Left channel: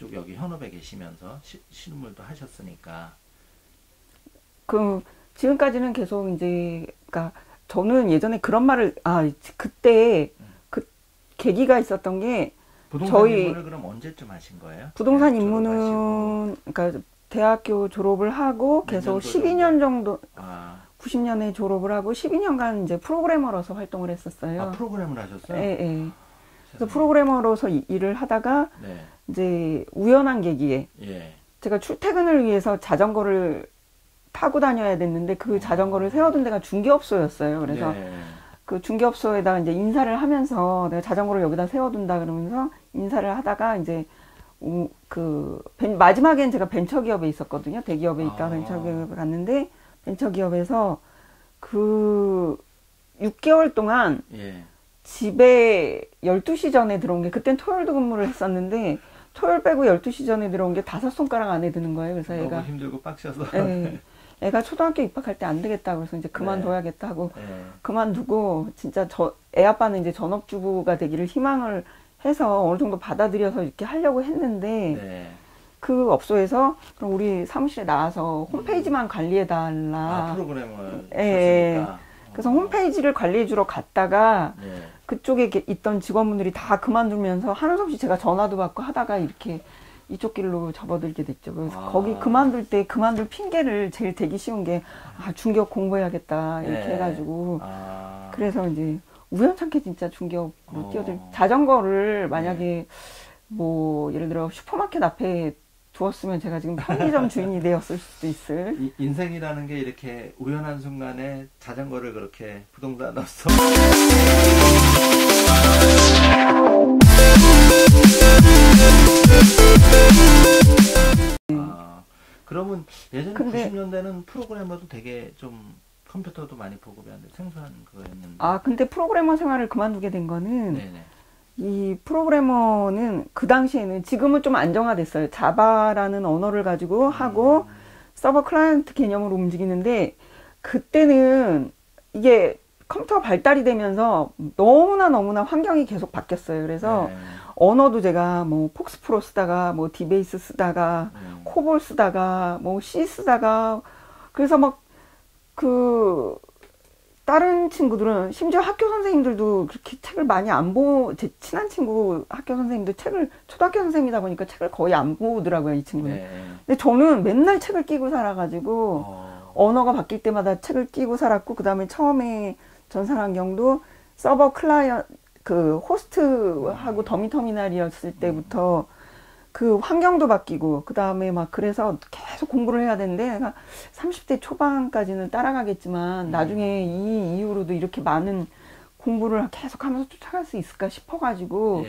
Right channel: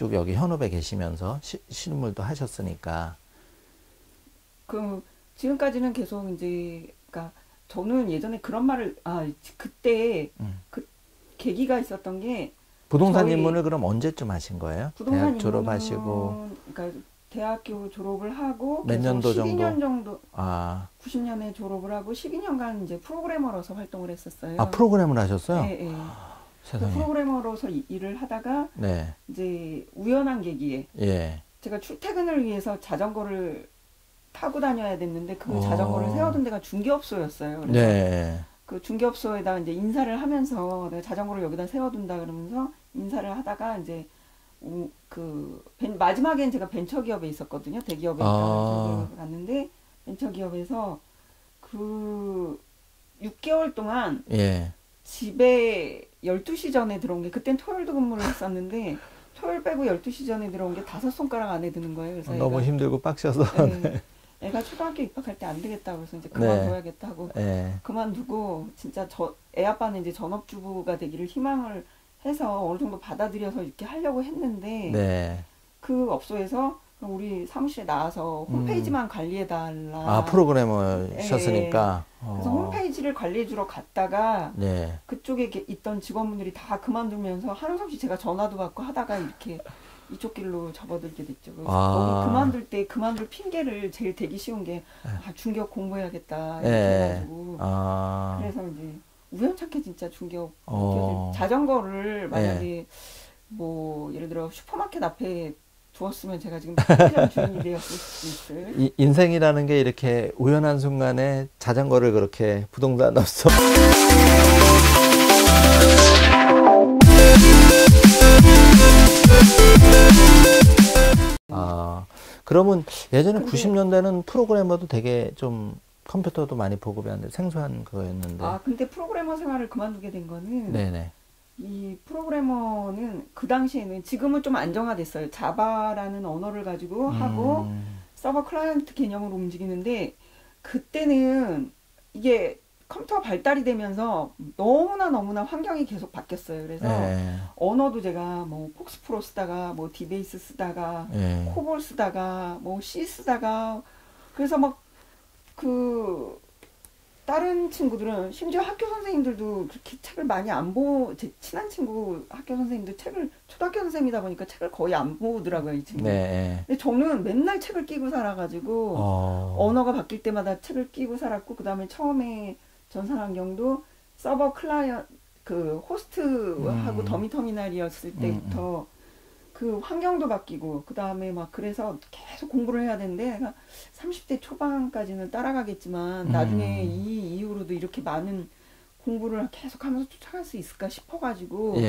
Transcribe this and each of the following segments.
쭉 여기 현업에 계시면서 실무도 하셨으니까. 그 지금까지는 계속 이제 그러니까 저는 예전에 그런 말을 그때 그 계기가 있었던 게 부동산 입문을 그럼 언제쯤 하신 거예요? 부동산 입문은 그러니까 대학교 졸업을 하고 계속 12년 정도 90년에 졸업을 하고 12년간 이제 프로그래머로서 활동을 했었어요. 아, 프로그래머를 하셨어요? 네, 네. 그래서 프로그래머로서 일을 하다가 네. 이제 우연한 계기에 제가 출퇴근을 위해서 자전거를 타고 다녀야 됐는데 그 자전거를 세워둔 데가 중개업소였어요. 그래서 그 중개업소에다가 이제 인사를 하면서 내가 자전거를 여기다 세워둔다 그러면서 인사를 하다가 이제 마지막엔 제가 벤처기업에 있었거든요. 대기업이니까 벤처기업에 갔는데 벤처기업에서 그 6개월 동안 집에 12시 전에 들어온 게 그땐 토요일도 근무를 했었는데 토요일 빼고 12시 전에 들어온 게 5손가락 안에 드는 거예요. 그래서 너무 힘들고 빡셔서 애가 초등학교 입학할 때 안 되겠다 그래서 이제 그만둬야겠다 하고 그만두고 진짜 애 아빠는 이제 전업주부가 되기를 희망을 해서 어느 정도 받아들여서 이렇게 하려고 했는데 그 업소에서 그럼 우리 사무실에 나와서 홈페이지만 관리해달라. 프로그래머셨으니까. 그래서 홈페이지를 관리해주러 갔다가 그쪽에 있던 직원분들이 다 그만두면서 하는 수 없이 제가 전화도 받고 하다가 이렇게 이쪽 길로 접어들게 됐죠. 그래서 거기 그만둘 핑계를 제일 대기 쉬운 게 중개업 공부해야겠다 이렇게 해가지고 그래서 이제 우연찮게 진짜 중개업 자전거를 만약에 뭐 예를 들어 슈퍼마켓 앞에 두었으면 제가 지금 편의점 주인이 되었을 수도 있을. 인생이라는 게 이렇게 우연한 순간에 자전거를 그렇게 부동산 없어. 그러면 예전에 90년대는 프로그래머도 되게 좀 컴퓨터도 많이 보급이 안 돼 생소한 그거였는데. 근데 프로그래머 생활을 그만두게 된 거는 이 프로그래머는 그 당시에는 지금은 좀 안정화됐어요. 자바라는 언어를 가지고 하고 서버 클라이언트 개념으로 움직이는데 그때는 이게 컴퓨터가 발달이 되면서 너무나 환경이 계속 바뀌었어요. 그래서 언어도 제가 뭐 폭스프로 쓰다가 뭐 디베이스 쓰다가 코볼 쓰다가 뭐 C 쓰다가 그래서 막 다른 친구들은 심지어 학교 선생님들도 그렇게 책을 많이 안 제 친한 친구 학교 선생님도 초등학교 선생님이다 보니까 책을 거의 안 보더라고요, 이 친구. 근데 저는 맨날 책을 끼고 살아가지고 언어가 바뀔 때마다 책을 끼고 살았고 그다음에 처음에 전산환경도 서버 클라이언트 호스트하고 더미터미널이었을 때부터 그 환경도 바뀌고 그 다음에 막 그래서 계속 공부를 해야 되는데 내가 30대 초반까지는 따라가겠지만 나중에 이 이후로도 이렇게 많은 공부를 계속 하면서 쫓아갈 수 있을까 싶어가지고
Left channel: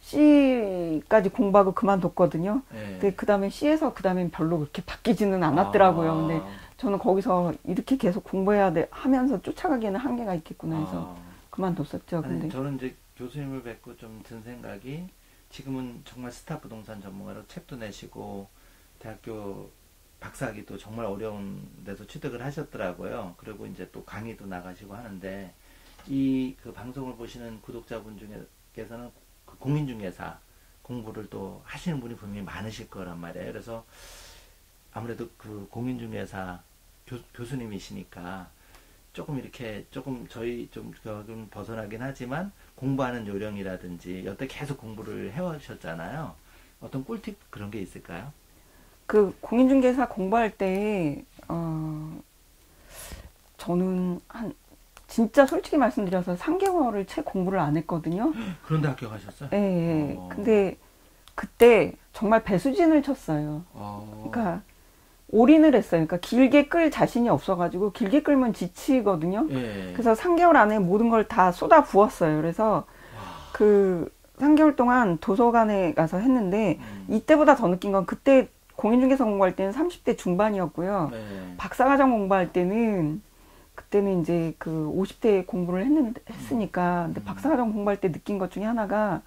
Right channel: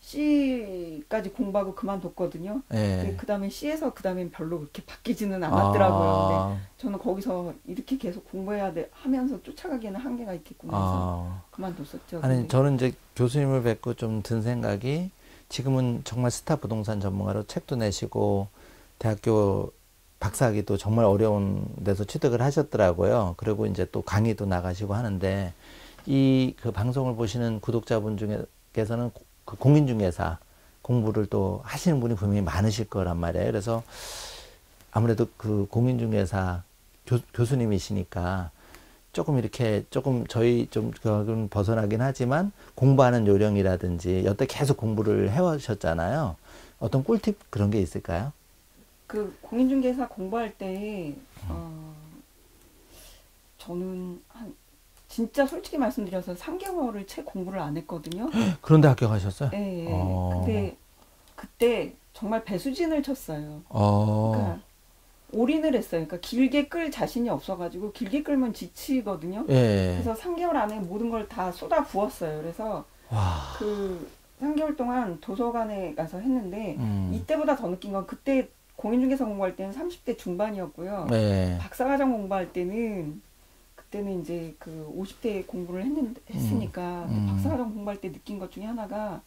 C까지 공부하고 그만뒀거든요. 근데 그 다음에 C에서 그 다음엔 별로 그렇게 바뀌지는 않았더라고요. 근데 저는 거기서 이렇게 계속 공부해야 하면서 쫓아가기에는 한계가 있겠구나 해서 그만뒀었죠. 아니, 저는 이제 교수님을 뵙고 좀 든 생각이 지금은 정말 스타 부동산 전문가로 책도 내시고 대학교 박사학위도 정말 어려운 데서 취득을 하셨더라고요. 그리고 이제 또 강의도 나가시고 하는데 그 방송을 보시는 구독자분 중에서는 그 공인중개사 공부를 또 하시는 분이 분명히 많으실 거란 말이에요. 그래서 아무래도 그 공인중개사 교수님이시니까 조금 저희 좀 벗어나긴 하지만 공부하는 요령이라든지 여태 계속 공부를 해오셨잖아요. 어떤 꿀팁 그런 게 있을까요? 그 공인중개사 공부할 때 저는 진짜 솔직히 말씀드려서 3개월을 채 공부를 안 했거든요. 그런데 합격하셨어요? 네. 근데 그때 정말 배수진을 쳤어요. 그러니까 올인을 했어요. 그러니까 길게 끌 자신이 없어가지고 길게 끌면 지치거든요. 그래서 3개월 안에 모든 걸 다 쏟아 부었어요. 그래서 그 3개월 동안 도서관에 가서 했는데 이때보다 더 느낀 건 그때 공인중개사 공부할 때는 30대 중반이었고요. 박사과정 공부할 때는 그때는 이제 그 50대 공부를 했으니까 근데 박사과정 공부할 때 느낀 것 중에 하나가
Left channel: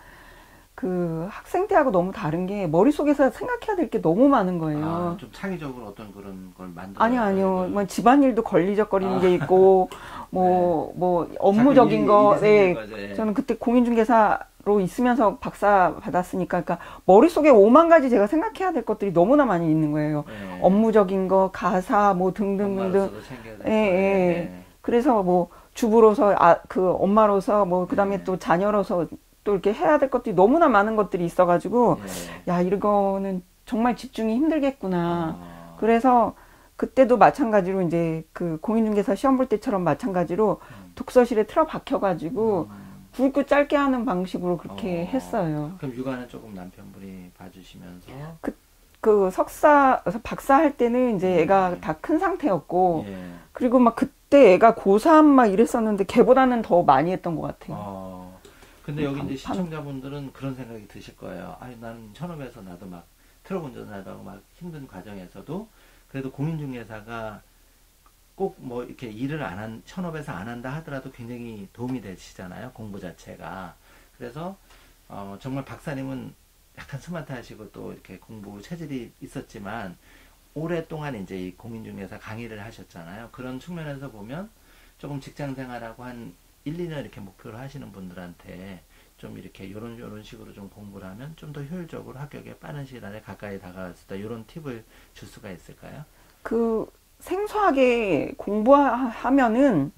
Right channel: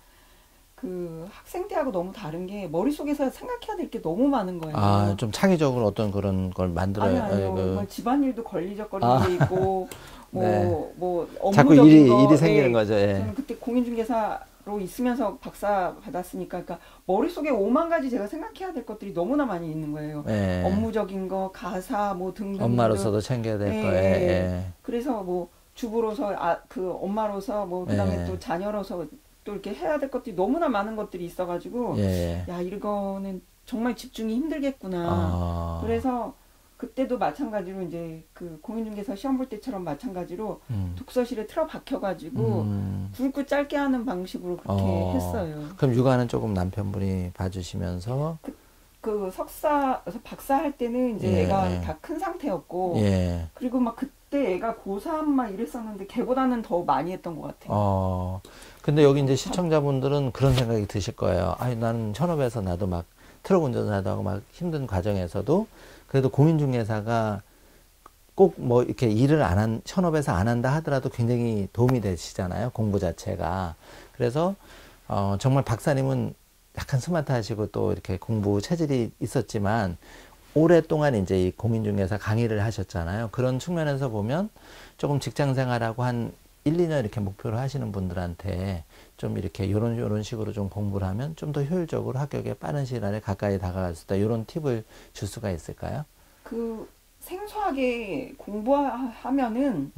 그 학생 때하고 너무 다른 게 머릿속에서 생각해야 될 게 너무 많은 거예요. 좀 창의적으로 어떤 그런 걸 만들어야 아니요. 뭐 집안일도 걸리적거리는 게 있고 뭐 자꾸 업무적인 거. 일이 생기는 거죠. 예. 저는 그때 공인중개사로 있으면서 박사 받았으니까, 그러니까 머릿속에 5만 가지 제가 생각해야 될 것들이 너무나 많이 있는 거예요. 예. 업무적인 거, 가사, 뭐 등등. 엄마로서도 챙겨야 될 거. 예. 그래서 뭐 주부로서, 그 엄마로서, 뭐 그다음에 또 자녀로서 또 이렇게 해야 될 것들이 너무나 많은 것들이 있어가지고, 야, 이거는 정말 집중이 힘들겠구나. 그래서 그때도 마찬가지로 이제 그 공인중개사 시험 볼 때처럼 마찬가지로 독서실에 틀어박혀가지고 굵고 짧게 하는 방식으로 그렇게 했어요. 그럼 육아는 조금 남편분이 봐주시면서? 그 박사 할 때는 이제 애가 다 큰 상태였고, 그리고 막 그때 애가 고3 막 이랬었는데 걔보다는 더 많이 했던 것 같아요. 근데 여기 이제 시청자분들은 그런 생각이 드실 거예요. 아니, 나는 현업에서 나도 막 트럭 운전하도 하고 막 힘든 과정에서도 그래도 공인중개사가 꼭 뭐 이렇게 일을 현업에서 안 한다 하더라도 굉장히 도움이 되시잖아요. 공부 자체가. 그래서, 정말 박사님은 약간 스마트하시고 또 이렇게 공부 체질이 있었지만 오랫동안 이제 이 공인중개사 강의를 하셨잖아요. 그런 측면에서 보면 조금 직장 생활하고 한 1, 2년 이렇게 목표를 하시는 분들한테 좀 이렇게 요런 식으로 좀 공부를 하면 좀 더 효율적으로 합격에 빠른 시일 안에 가까이 다가갈 수 있다. 이런 팁을 줄 수가 있을까요? 그 생소하게 공부하면은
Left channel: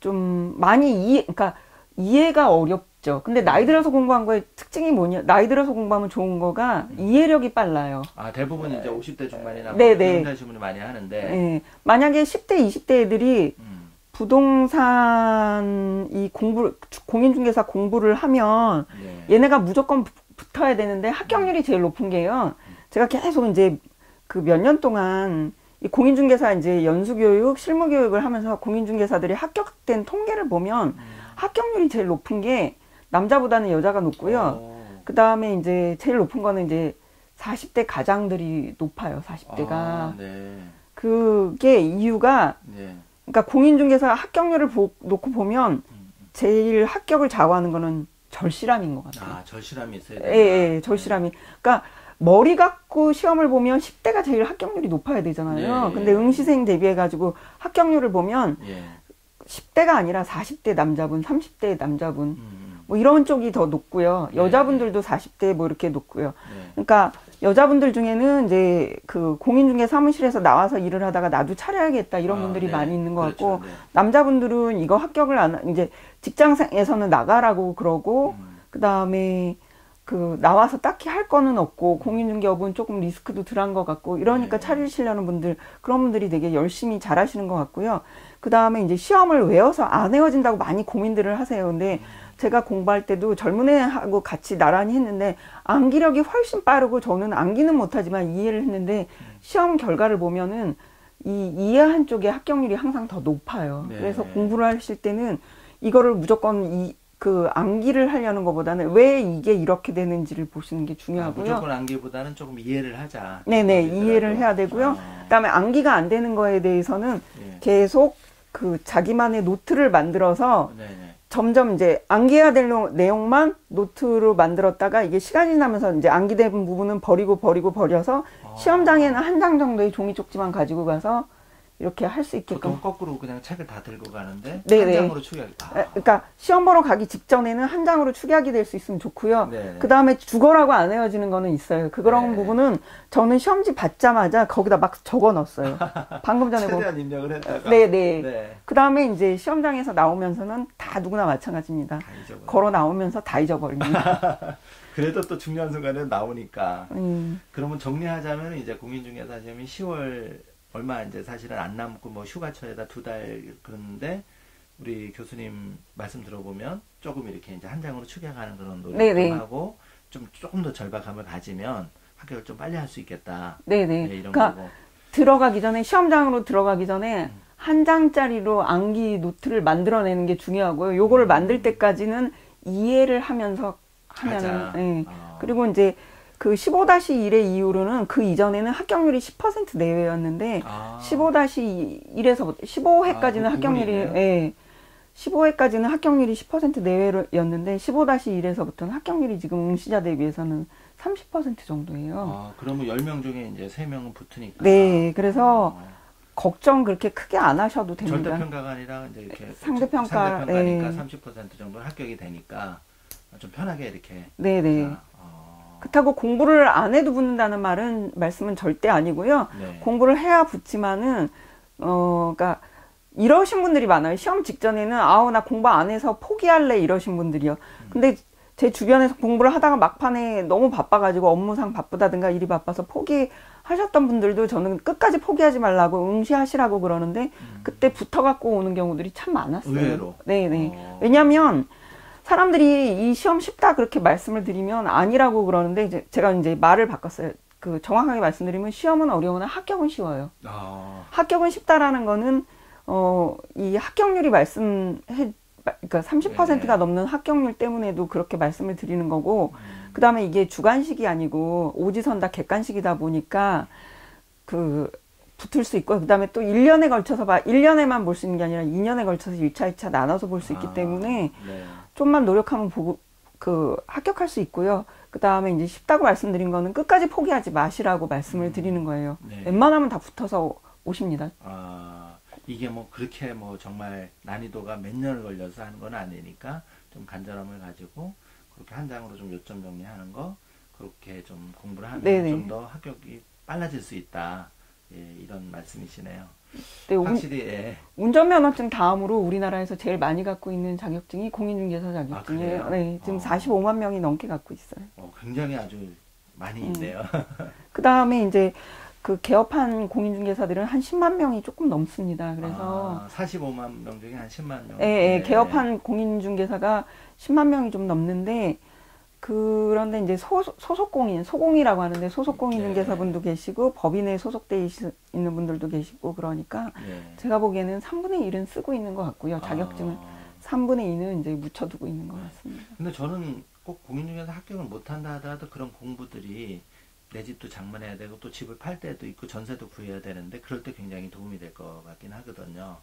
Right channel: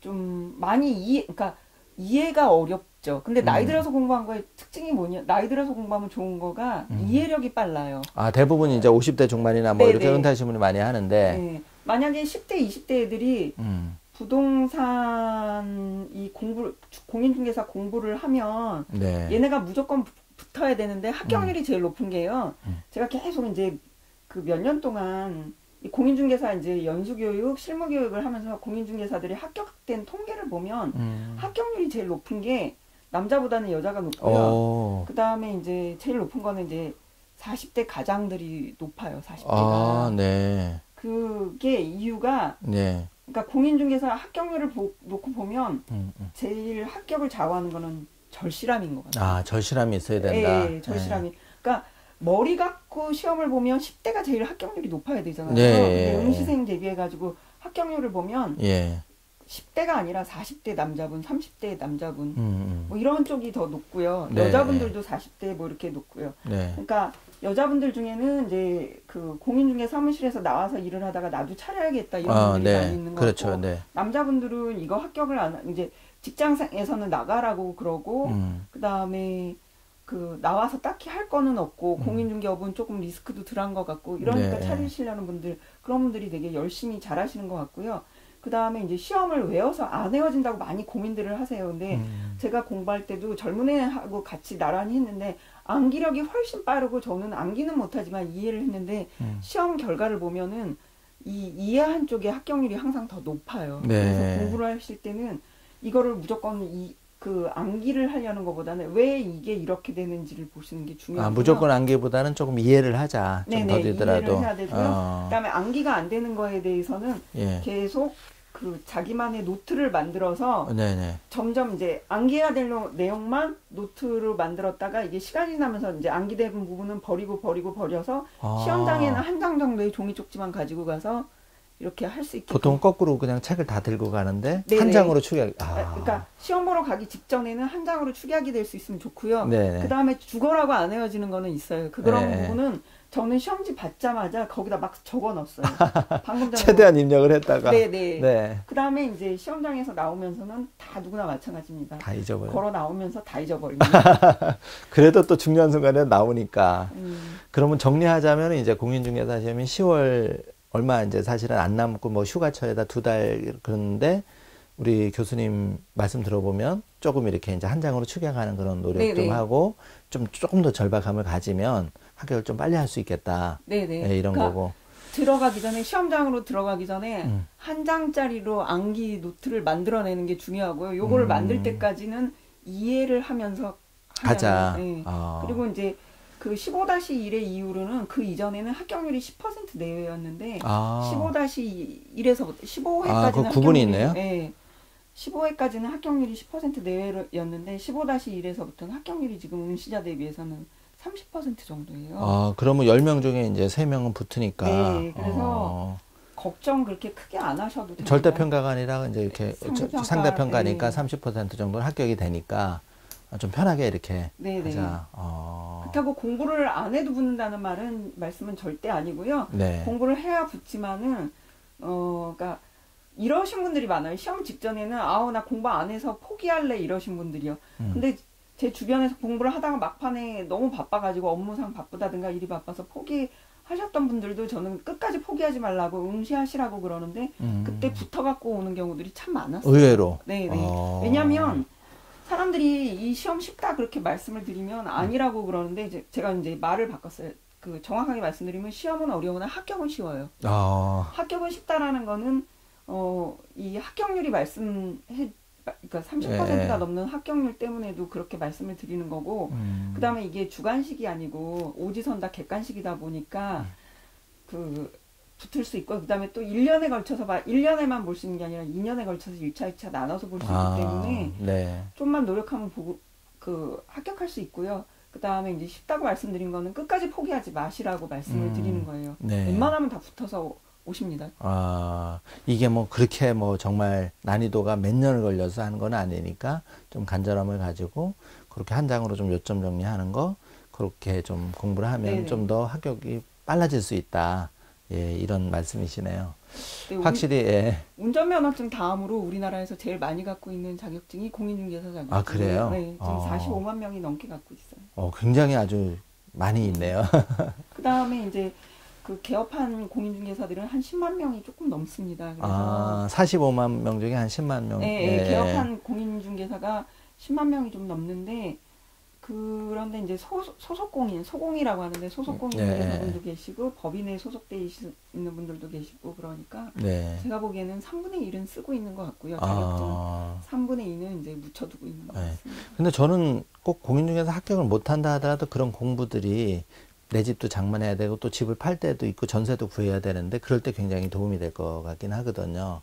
좀 많이 그러니까 이해가 어렵죠. 근데 나이 들어서 공부한 거의 특징이 뭐냐? 나이 들어서 공부하면 좋은 거가 이해력이 빨라요. 대부분 이제 50대 중반이나 뭐 이렇게 은퇴하신 분이 많이 하는데. 만약에 10대, 20대 애들이 부동산 공인중개사 공부를 하면 얘네가 무조건 붙어야 되는데 합격률이 제일 높은 게요. 제가 계속 이제 그 몇 년 동안 이 공인중개사 이제 연수교육, 실무교육을 하면서 공인중개사들이 합격된 통계를 보면 합격률이 제일 높은 게 남자보다는 여자가 높고요. 그 다음에 이제 제일 높은 거는 이제 40대 가장들이 높아요. 40대가. 그게 이유가 그러니까 공인중개사 합격률을 놓고 보면 제일 합격을 좌우하는 거는 절실함인 것 같아요. 절실함이 있어야 된다. 예, 절실함이. 그러니까 머리 갖고 시험을 보면 10대가 제일 합격률이 높아야 되잖아요. 근데 응시생 대비해가지고 합격률을 보면 10대가 아니라 40대 남자분, 30대 남자분 뭐 이런 쪽이 더 높고요. 여자분들도 40대 뭐 이렇게 높고요. 그러니까 여자분들 중에는 이제 그 공인중개 사무실에서 나와서 일을 하다가 나도 차려야겠다 이런 분들이 많이 있는 것 같고, 남자분들은 이거 합격을 이제 직장에서는 나가라고 그러고, 그 다음에 그 나와서 딱히 할 거는 없고 공인중개업은 조금 리스크도 덜한 것 같고 이러니까 차리시려는 분들, 그런 분들이 되게 열심히 잘하시는 것 같고요. 그 다음에 이제 시험을 외워서 안 외워진다고 많이 고민들을 하세요. 근데 제가 공부할 때도 젊은 애하고 같이 나란히 했는데 암기력이 훨씬 빠르고, 저는 암기는 못하지만 이해를 했는데 시험 결과를 보면은 이 이해한 쪽의 합격률이 항상 더 높아요. 그래서 공부를 하실 때는 이거를 무조건 그 암기를 하려는 것보다는 왜 이게 이렇게 되는지를 보시는 게 중요하고요. 무조건 암기보다는 조금 이해를 하자. 네네, 이해를 해야 되고요. 그다음에 암기가 안 되는 거에 대해서는 계속 그 자기만의 노트를 만들어서 점점 이제 암기해야 될 내용만 노트로 만들었다가 이게 시간이 지나면서 이제 암기된 부분은 버려서 시험장에는 한 장 정도의 종이 쪽지만 가지고 가서 이렇게 할 수 있게끔. 보통 거꾸로 그냥 책을 다 들고 가는데 한 장으로 축약. 그러니까 시험 보러 가기 직전에는 한 장으로 축약이 될 수 있으면 좋고요. 그 다음에 죽어라고 안 외워지는 거는 있어요. 그런 부분은 저는 시험지 받자마자 거기다 막 적어 넣었어요. 방금 전에 최대한 입력을 했다가. 그 다음에 이제 시험장에서 나오면서는 다 누구나 마찬가지입니다. 다 잊어버려. 걸어 나오면서 다 잊어버립니다. 그래도 또 중요한 순간에 나오니까. 그러면 정리하자면 이제 공인중개사 시험이 10월 얼마 이제 사실은 안 남고 뭐 휴가철에다 2달 그러는데, 우리 교수님 말씀 들어보면 조금 이렇게 이제 한 장으로 축약하는 그런 노력 좀 하고 조금 더 절박함을 가지면 합격을 좀 빨리 할 수 있겠다. 이런 그러니까 거고. 들어가기 전에, 시험장으로 들어가기 전에 한 장짜리로 암기 노트를 만들어내는 게 중요하고요. 요거를 만들 때까지는 이해를 하면서 가자. 그리고 이제 그 15-1의 이후로는, 그 이전에는 합격률이 10% 내외였는데 15-1에서부터 15회까지는 합격률이 있네요. 15회까지는 합격률이 10% 내외였는데 15-1에서부터는 합격률이 지금 응시자 대비해서는 30% 정도예요. 그러면 10명 중에 이제 3명은 붙으니까. 그래서 걱정 그렇게 크게 안 하셔도 됩니다. 절대평가가 아니라 이제 이렇게 상대평가니까 30% 정도는 합격이 되니까 좀 편하게 이렇게. 네네. 그렇다고 공부를 안 해도 붙는다는 말씀은 절대 아니고요. 네. 공부를 해야 붙지만은 그러니까 이러신 분들이 많아요. 시험 직전에는 나 공부 안 해서 포기할래 이러신 분들이요. 근데 제 주변에서 공부를 하다가 막판에 너무 바빠가지고 업무상 바쁘다든가 일이 바빠서 포기하셨던 분들도 저는 끝까지 포기하지 말라고 응시하시라고 그러는데 그때 붙어갖고 오는 경우들이 참 많았어요. 의외로. 네네. 왜냐하면 사람들이 이 시험 쉽다 그렇게 말씀을 드리면 아니라고 그러는데 이제 제가 이제 말을 바꿨어요. 그 정확하게 말씀드리면 시험은 어려우나 합격은 쉬워요. 합격은 쉽다라는 거는 이 합격률이 그러니까 30%가 넘는 합격률 때문에도 그렇게 말씀을 드리는 거고, 그 다음에 이게 주관식이 아니고 오지선다 객관식이다 보니까 붙을 수 있고, 그 다음에 또 1년에 걸쳐서 1년에만 볼 수 있는 게 아니라 2년에 걸쳐서 1차, 2차 나눠서 볼 수 있기 때문에 네. 좀만 노력하면 합격할 수 있고요. 그 다음에 이제 쉽다고 말씀드린 거는 끝까지 포기하지 마시라고 말씀을 드리는 거예요. 네. 웬만하면 다 붙어서 오십니다. 이게 뭐 그렇게 뭐 정말 난이도가 몇 년을 걸려서 하는 건 아니니까 좀 간절함을 가지고 그렇게 한 장으로 좀 요점 정리하는 거 그렇게 좀 공부를 하면 좀 더 합격이 빨라질 수 있다. 예, 이런 말씀이시네요. 네, 확실히 운전면허증 다음으로 우리나라에서 제일 많이 갖고 있는 자격증이 공인중개사 자격증이에요. 그래요? 네, 지금 45만 명이 넘게 갖고 있어요. 굉장히 아주 많이 있네요. 그 다음에 이제 개업한 공인중개사들은 한 10만 명이 조금 넘습니다. 그래서 45만 명 중에 한 10만 명. 네, 개업한 공인중개사가 10만 명이 좀 넘는데 그런데 이제 소속공이라고 하는데 소속공인중개사분도 계시고 법인에 소속돼 있는 분들도 계시고 그러니까 제가 보기에는 3분의 1은 쓰고 있는 것 같고요. 자격증은 3분의 2는 이제 묻혀두고 있는 것 같습니다. 근데 저는 꼭 공인중개사 합격을 못한다 하더라도 그런 공부들이 내 집도 장만해야 되고 또 집을 팔 때도 있고 전세도 구해야 되는데 그럴 때 굉장히 도움이 될 것 같긴 하거든요.